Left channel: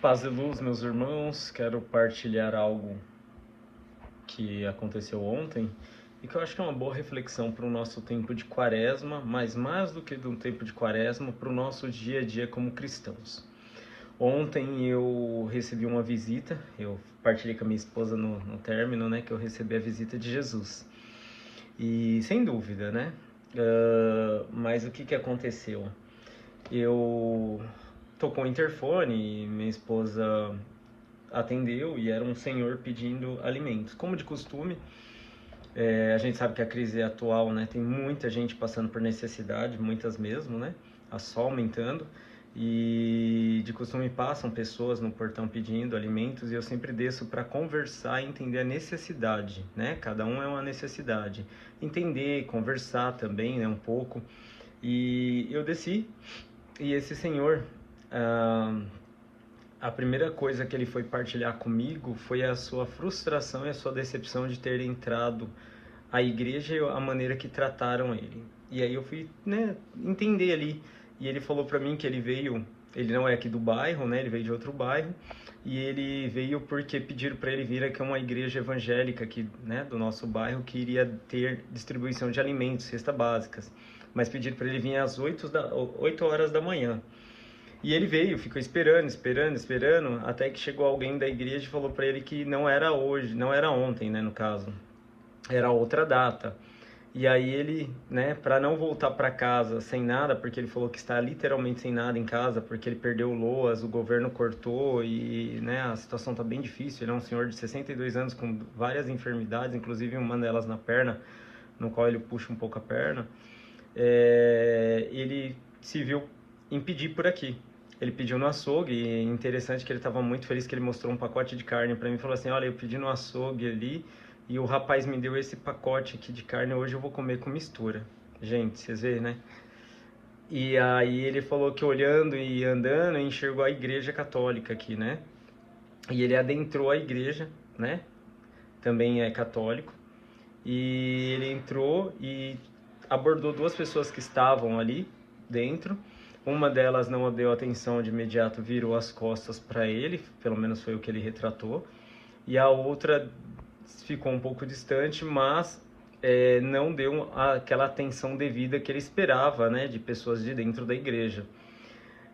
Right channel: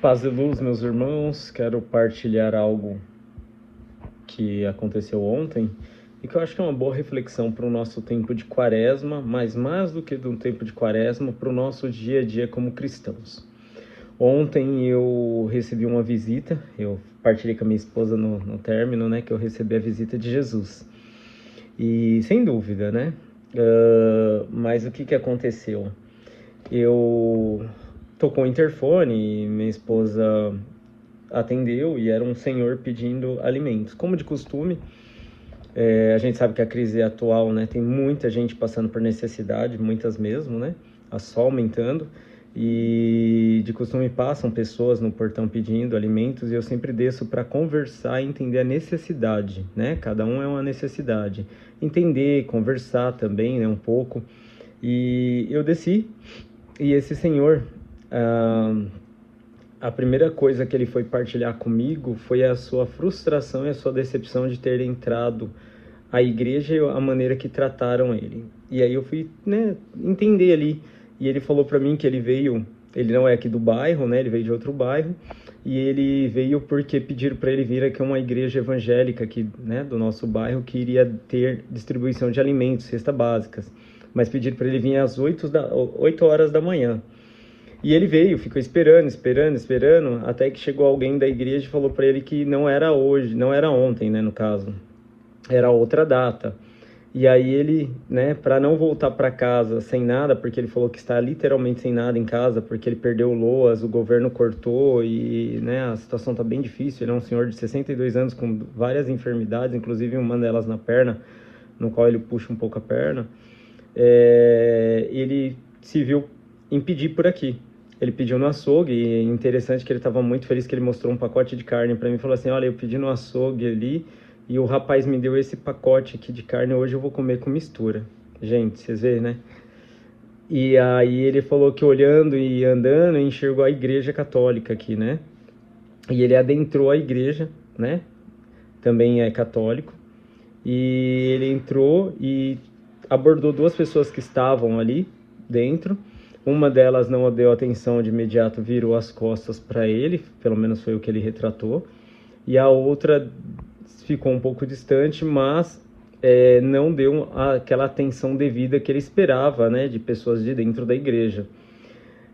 Paz e luz, meus irmãos. Quero partilhar algo que aconteceu ontem e que eu acho que é uma boa reflexão para o nosso tempo de quaresma, mas mais do que de um tempo de quaresma, para o nosso dia a dia como cristãos. Ontem eu recebi uma visita, eu partilhei com a minha esposa no término, né, que eu recebi a visita de Jesus. E sem dúvida, né? Mas o que aconteceu? Eu tocou o interfone e minha esposa atendeu e era um senhor pedindo alimentos. Como de costume, a gente sabe que a crise atual, né, tem muita gente passando por necessidade, muitas mesmo, né, só aumentando, e de costume passam pessoas no portão pedindo alimentos e eu sempre desço para conversar e entender a necessidade, né, cada um é uma necessidade, entender, conversar também, né, um pouco, e eu desci e esse senhor... A primeira coisa que ele foi partilhar comigo foi a sua frustração e a sua decepção de ter entrado à igreja e a maneira que trataram ele. E aí eu fui, né, entender ali. E ele falou para mim que ele não é aqui do bairro, né, ele veio de outro bairro, e ele veio porque pediram para ele vir aqui a uma igreja evangélica aqui, né, do nosso bairro, que iria ter distribuição de alimentos, cestas básicas. Mas pediram para ele vir às 8 horas da manhã. E ele veio, ficou esperando, até que chegou alguém da igreja e falou para ele que não era hoje, não era ontem, né, no caso, era outra data. E aí ele, né, para não voltar para casa sem nada, porque ele falou que está literalmente sem nada em casa, porque ele perdeu o LOAS, o governo cortou e, né, a situação tá bem difícil. Ele é um senhor de 62 anos com várias enfermidades, inclusive uma delas na perna, no qual ele puxa um pouco a perna. Ele se viu impedir por aqui. Ele pediu no açougue, e é interessante que ele estava muito feliz que ele mostrou um pacote de carne para mim e falou assim, olha, eu pedi no açougue ali e o rapaz me deu esse pacote aqui de carne, hoje eu vou comer com mistura. Gente, vocês veem, né? E aí ele falou que olhando e andando, enxergou a igreja católica aqui, né? E ele adentrou a igreja, né? Também é católico. E ele entrou e abordou duas pessoas que estavam ali dentro. Uma delas não deu atenção de imediato, virou as costas para ele, pelo menos foi o que ele retratou. E a outra ficou um pouco distante, mas não deu aquela atenção devida que ele esperava, né, de pessoas de dentro da igreja.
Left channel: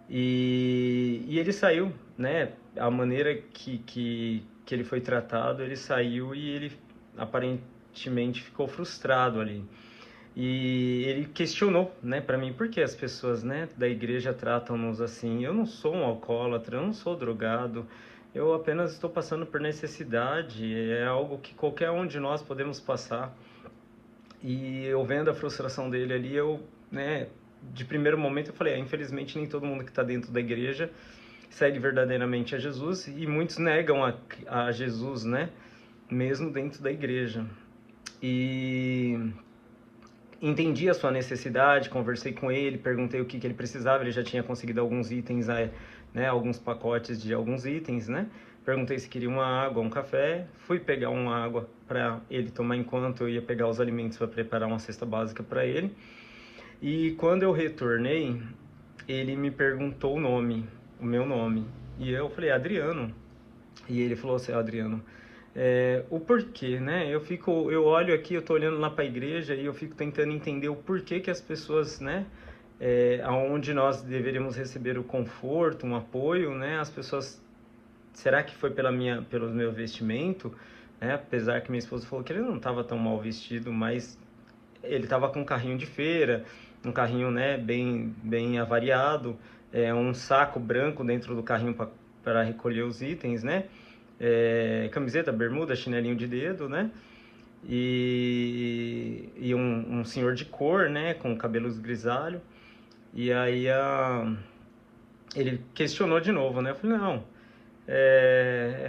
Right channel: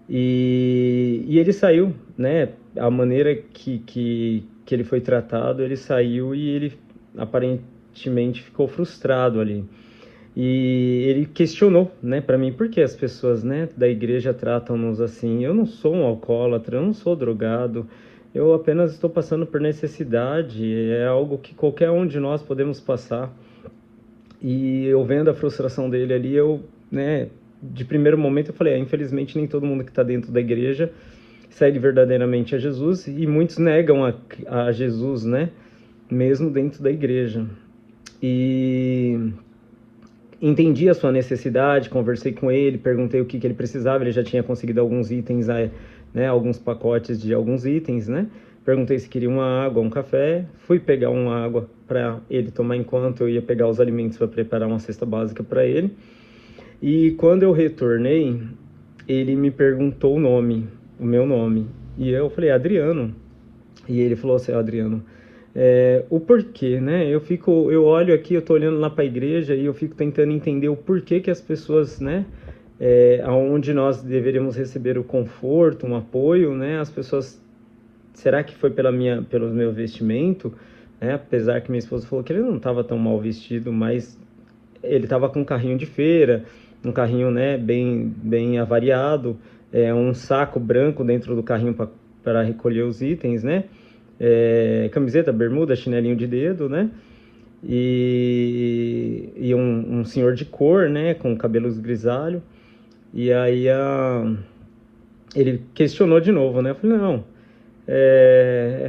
E ele saiu, né, a maneira que ele foi tratado, ele saiu e ele aparentemente ficou frustrado ali. E ele questionou, né, para mim, por que as pessoas, né, da igreja tratam-nos assim? Eu não sou um alcoólatra, eu não sou drogado, eu apenas estou passando por necessidade, é algo que qualquer um de nós podemos passar. E eu vendo a frustração dele ali, eu, né, de primeiro momento eu falei, infelizmente nem todo mundo que está dentro da igreja segue verdadeiramente a Jesus, e muitos negam a Jesus, né, mesmo dentro da igreja. E entendi a sua necessidade, conversei com ele, perguntei o que ele precisava, ele já tinha conseguido alguns itens, né, alguns pacotes de alguns itens, né? Perguntei se queria uma água, um café, fui pegar uma água para ele tomar enquanto eu ia pegar os alimentos para preparar uma cesta básica para ele. E quando eu retornei, ele me perguntou o meu nome, e eu falei, Adriano. E ele falou assim, Adriano, o porquê, né? Eu olho aqui, eu tô olhando lá para a igreja e eu fico tentando entender o porquê que as pessoas, né, aonde nós deveríamos receber o conforto, um apoio, né? As pessoas, será que foi pelo meu vestimento? Apesar que minha esposa falou que ele não estava tão mal vestido, mas ele estava com um carrinho de feira, um carrinho, né, bem avariado, um saco branco dentro do carrinho para recolher os itens, né? Camiseta, bermuda, chinelinho de dedo, né? E um senhor de cor, né? Com cabelos grisalhos. E aí ele questionou de novo, né? Eu falei, não,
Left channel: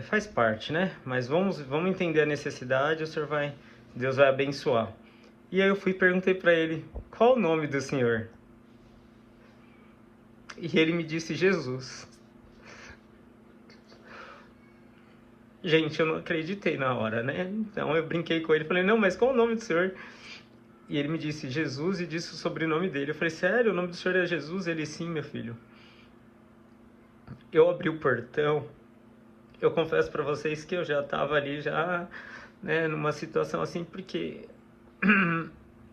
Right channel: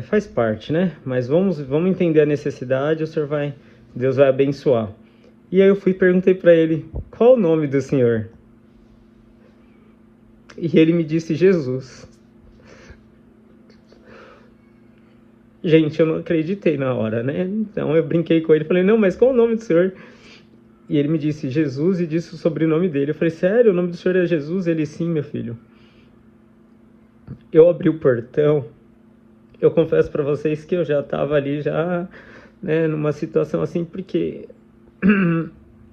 faz parte, né? Mas vamos entender a necessidade, Deus vai abençoar. E aí eu fui e perguntei para ele, qual o nome do senhor? E ele me disse, Jesus. Gente, eu não acreditei na hora, né? Então eu brinquei com ele, falei, não, mas qual o nome do senhor? E ele me disse Jesus e disse o sobrenome dele. Eu falei, sério, o nome do senhor é Jesus? Ele, sim, meu filho. eu abri o portão, eu confesso para vocês que eu já estava ali, já, né, numa situação assim, porque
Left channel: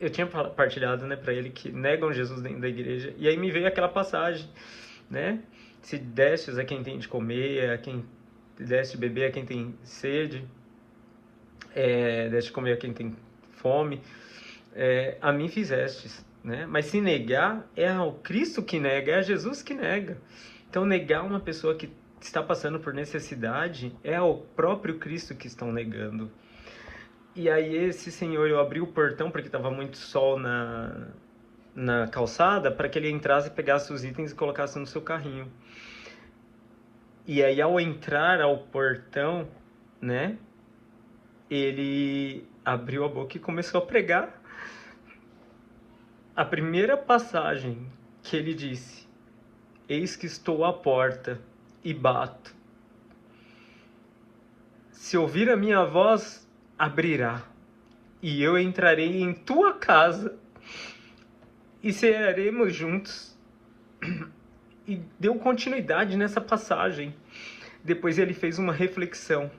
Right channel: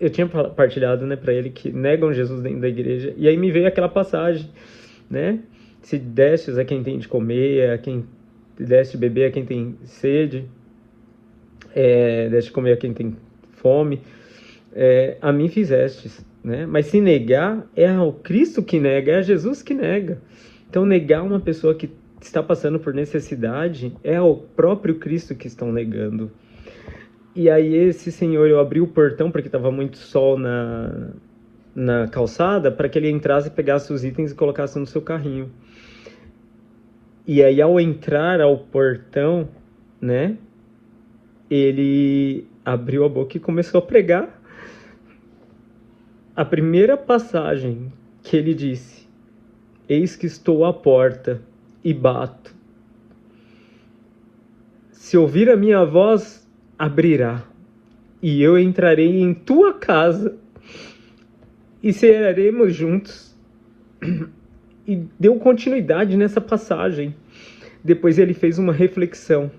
eu tinha partilhado, né, para ele que negam Jesus dentro da igreja, e aí me veio aquela passagem, né, se destes a quem tem de comer, a quem deste de beber a quem tem sede, deste de comer a quem tem fome, a mim fizestes, né? Mas se negar, é ao Cristo que nega, é a Jesus que nega. Então, negar uma pessoa que está passando por necessidade é ao próprio Cristo que estão negando. E aí esse senhor, eu abri o portão porque estava muito sol na calçada, para que ele entrasse e pegasse os itens e colocasse no seu carrinho. E aí, ao entrar ao portão, né, ele abriu a boca e começou a pregar. A primeira passagem que ele disse: eis que estou à porta e bato. Se ouvir a minha voz, abrirá, e eu entrarei em tua casa e cearemos juntos. E deu continuidade nessa passagem. Depois ele fez uma reflexão.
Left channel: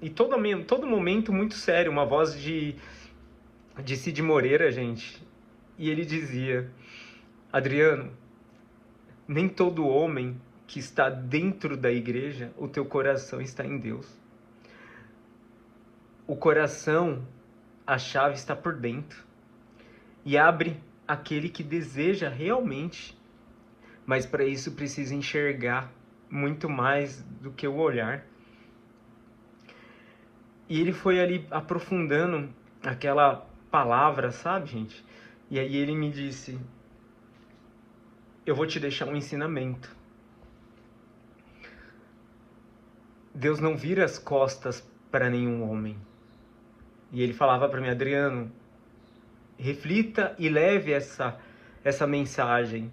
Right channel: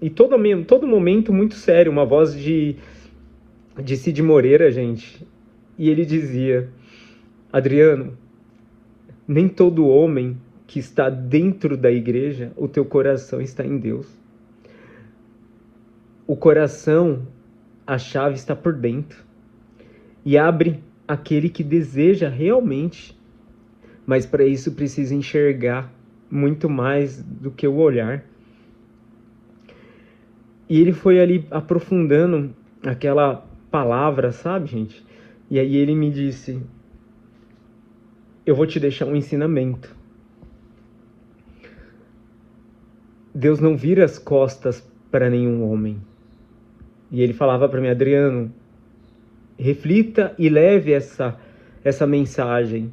E todo momento muito sério, uma voz de Cid Moreira, gente. E ele dizia: Adriano, nem todo homem que está dentro da igreja, o teu coração está em Deus. O coração, a chave está por dentro. E abre aquele que deseja realmente. Mas para isso precisa enxergar muito mais do que o olhar. E ele foi ali aprofundando aquela palavra, sabe, gente? E aí ele me disse: eu vou te deixar um ensinamento. Deus não vira as costas para nenhum homem. E ele falava para mim: Adriano, reflita e leve essa mensagem.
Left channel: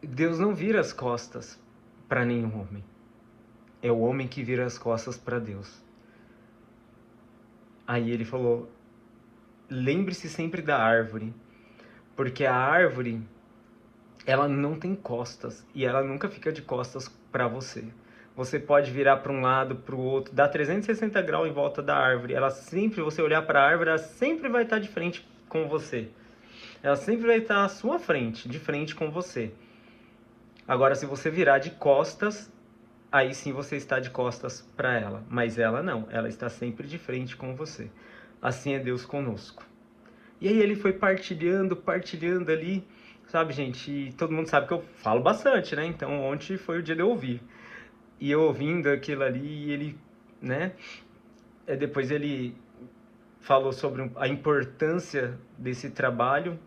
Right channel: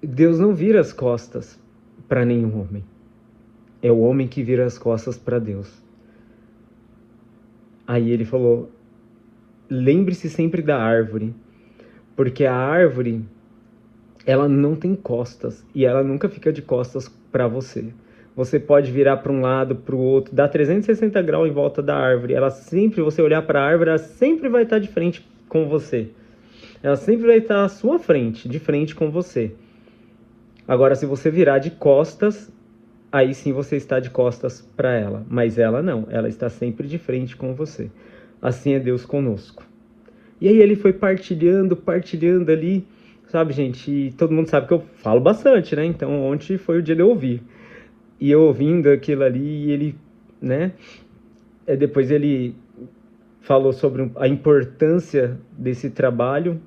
Deus não vira as costas para nenhum homem. É o homem que vira as costas para Deus. Aí ele falou: lembre-se sempre da árvore, porque a árvore, ela não tem costas e ela nunca fica de costas para você. Você pode virar para um lado, para o outro, dar 360 graus em volta da árvore. Ela sempre, você olhar para a árvore, ela sempre vai estar de frente com você. Ela sempre vai estar à sua frente, de frente com você. Agora, se você virar de costas, aí sim você está de costas para ela. Mas ela não, ela está sempre de frente com você. Assim é Deus conosco. E aí ele foi partilhando ali, sabe, gente? E todo mundo sabe que eu falo bastante, né? Então ontem foi o dia de eu ouvir. E eu ouvindo aquilo ali, e ele, né? Depois ele falou sobre a importância desse trabalho,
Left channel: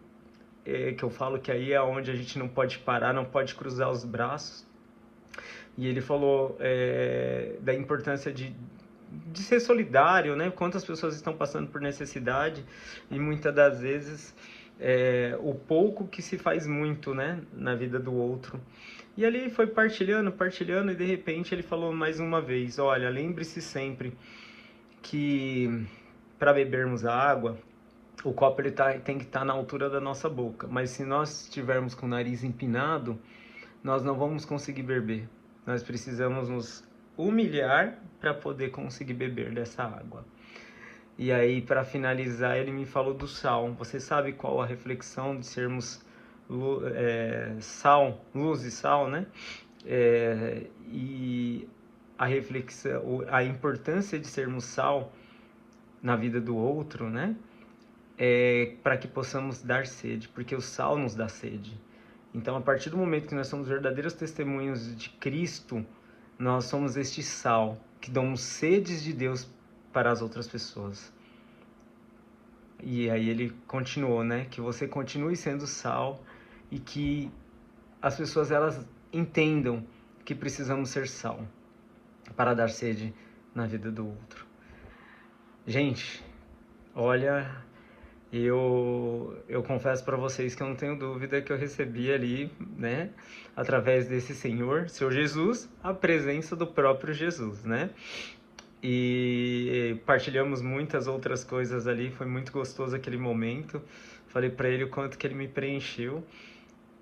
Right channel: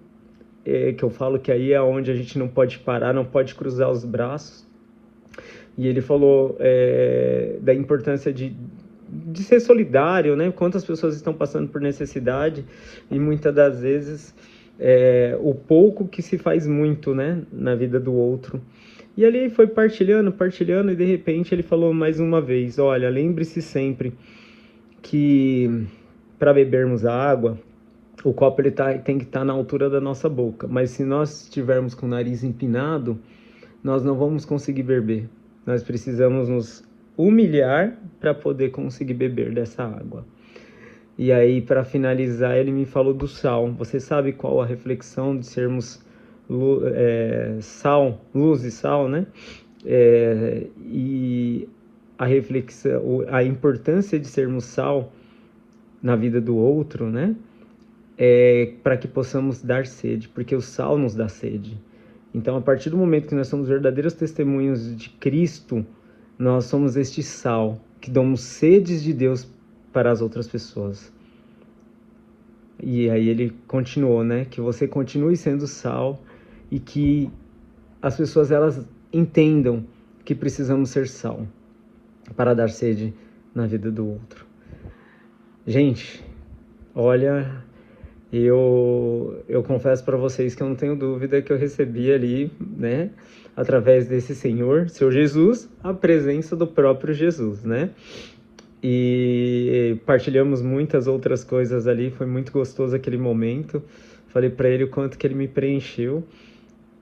que eu falo que aí é onde a gente não pode parar, não pode cruzar os braços. E ele falou da importância de ser solidário, né? Quantas pessoas estão passando por necessidade e muitas das vezes o pouco que se faz muito, né? Na vida do outro. E ali foi partilhando e de repente ele falou mais uma vez: olha, lembre-se sempre que para bebermos a água, o copo tem que estar na altura da nossa boca. Mas se nós estivermos com o nariz empinado, nós não vamos conseguir beber. Nós precisamos nos humilhar para poder conseguir beber dessa água. E aí, para finalizar, ele me falou do sal. Você sabe qual a reflexão de sermos sal, luz e sal, né? E a reflexão, a importância de sermos sal na vida do outro, né? Para que possamos dar sede, porque o sal nos dá sede. Então, a partir do momento que nós somos verdadeiros testemunhos de Cristo, nós somos este sal que damos sedes de Deus para as outras pessoas. E aí ele continuou, né? Que você continue sendo sal e que as pessoas, elas entendam que precisamos ser sal para dar sede na vida do outro. Gente, olha, eu confesso para vocês que eu não tenho dúvida que eu recebi ali, né, através desse Senhor, seu Jesus, a presença do próprio Jesus, né? E partilhamos muitas outras coisas ali, foi muito gostoso aquele momento. Falei para ele o quanto que ele me preencheu,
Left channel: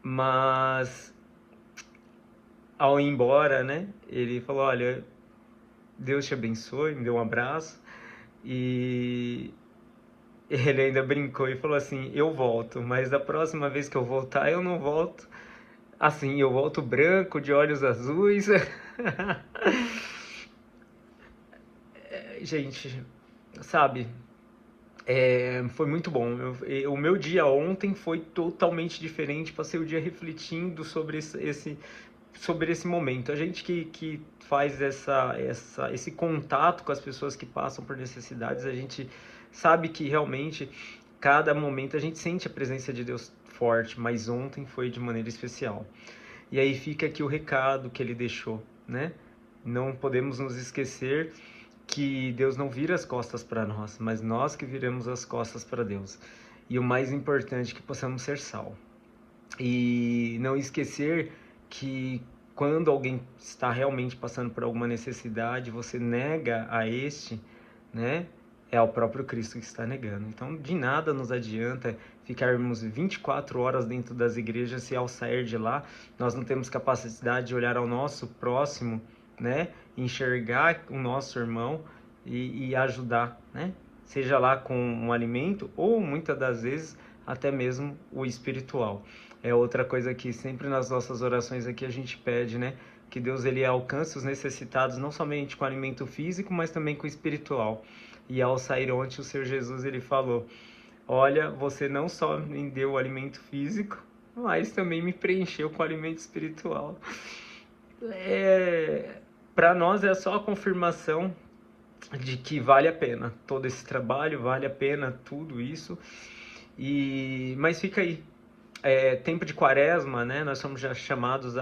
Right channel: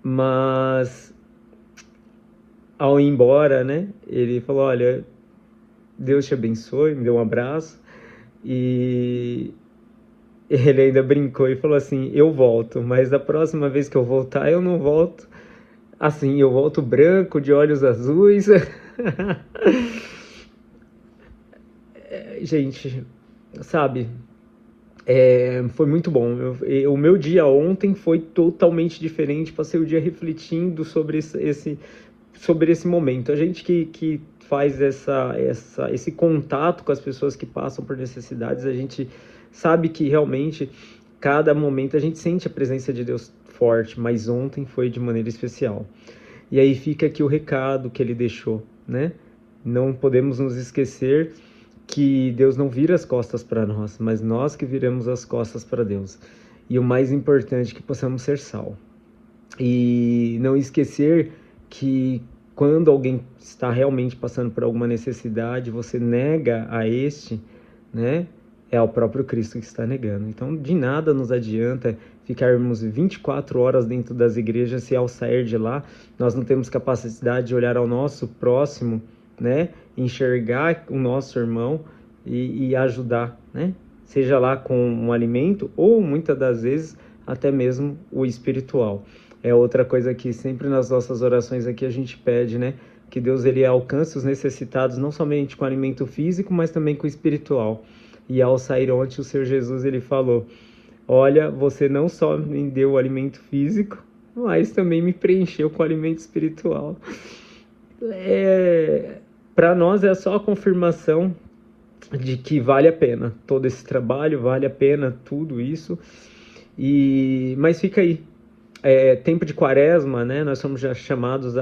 mas ao ir embora, né, ele falou, olha, Deus te abençoe, me deu um abraço, e ele ainda brincou e falou assim, eu volto, mas da próxima vez que eu voltar, eu não volto assim, eu volto branco, de olhos azuis. Gente, sabe, foi muito bom. O meu dia ontem foi totalmente diferente. Passei o dia refletindo sobre sobre esse momento. A gente que faz esse contato com as pessoas que passam por necessidades, a gente sabe que realmente cada momento a gente sente a presença de Deus forte, mas ontem foi de maneira especial. E aí fica aqui o recado que ele deixou, né? Não podemos nos esquecer que Deus não vira as costas para nós, mas nós que viramos as costas para Deus. E o mais importante, que possamos ser sal. E não esquecer que quando alguém está realmente passando por alguma necessidade, você nega a este, né? É ao próprio Cristo que está negando. Então, de nada nos adianta ficarmos 24 horas dentro das igrejas se ao sair de lá nós não temos capacidade de olhar ao nosso próximo, né? Enxergar o nosso irmão e ajudar, né? Seja lá com um alimento ou muitas das vezes até mesmo o espiritual. É outra coisa que sempre nas nossas orações aqui a gente pede, né? Que Deus ele alcance os necessitados não somente com alimento físico, mas também com o espiritual. E ao sair ontem, o Senhor Jesus ele falou, olha, você não só me deu o alimento físico, mas também me preencheu com o alimento espiritual. Para nós é só a confirmação de que vale a pena todo esse trabalho, vale a pena tudo isso. Mas fica aí, tempo de quaresma, né? Nós somos já chamados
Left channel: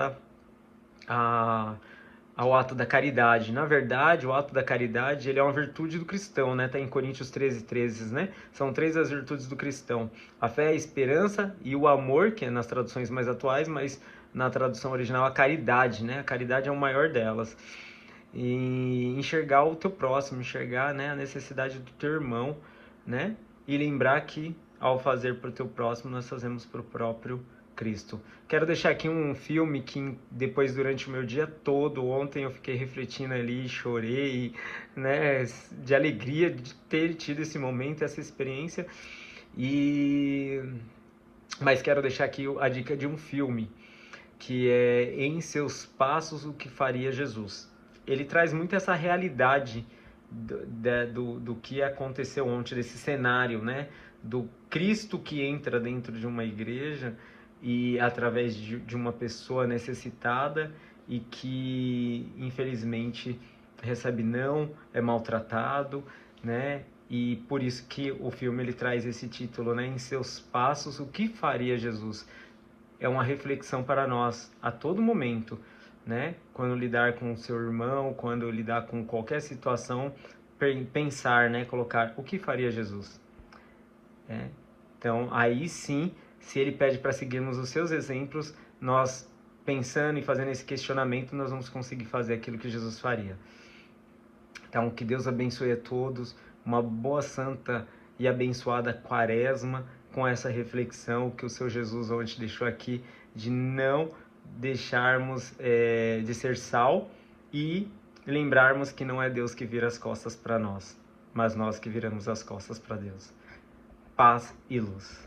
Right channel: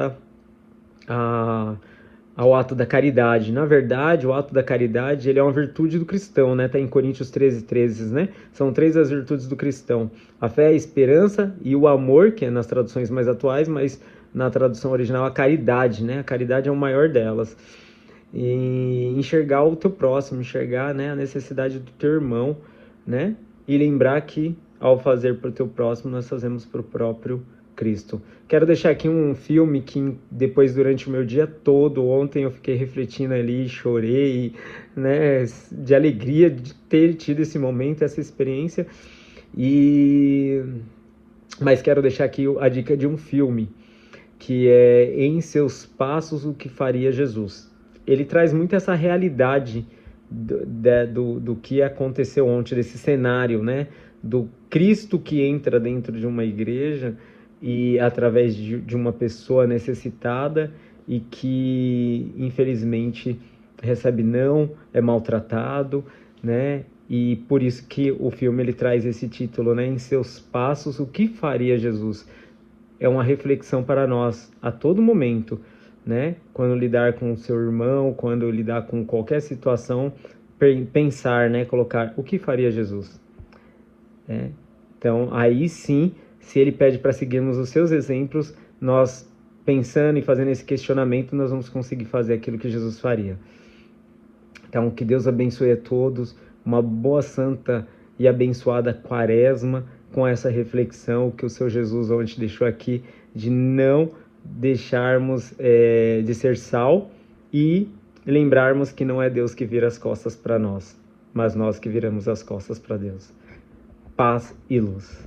ao ato da caridade. Na verdade, o ato da caridade ele é uma virtude do cristão, né? Tá em Coríntios 13:13, né? São 3 as virtudes do cristão: a fé, a esperança e o amor, que é nas traduções mais atuais, mas na tradução original a caridade, né? A caridade é o maior delas. E enxergar o teu próximo, enxergar, né, a necessidade do teu irmão, né? E lembrar que ao fazer para o teu próximo, nós fazemos para o próprio Cristo. Quero deixar aqui um filme que depois, durante o meu dia todo, ontem eu fiquei refletindo ali, chorei, né, de alegria de ter tido esse momento, essa experiência. Mas quero deixar aqui a dica de um filme, que é Em Seus Passos, o que Faria Jesus. Ele traz muito essa realidade do que aconteceu ontem, desse cenário, né? Do Cristo que entra dentro de uma igreja e através de uma pessoa necessitada e que, infelizmente, recebe não, é maltratado, né? E por isso que o filme ele traz esse título, né? Em Seus Passos, o que faria Jesus? É uma reflexão para nós a todo momento, né? Quando lidar com o seu irmão, quando lidar com qualquer situação, pensar, né? Colocar o que faria Jesus. Então, aí sim, se ele pede para seguirmos os seus exemplos, nós pensando e fazendo esse questionamento, nós vamos conseguir fazer aquilo que Jesus faria. Então, que Deus abençoe a todos, uma boa, santa e abençoada quaresma, com essa reflexão que o Senhor Jesus ontem deixou aqui, de não deixarmos de ser sal e lembrarmos que não é Deus que vira as costas para nós, mas nós que viramos as costas para Deus. Paz e luz.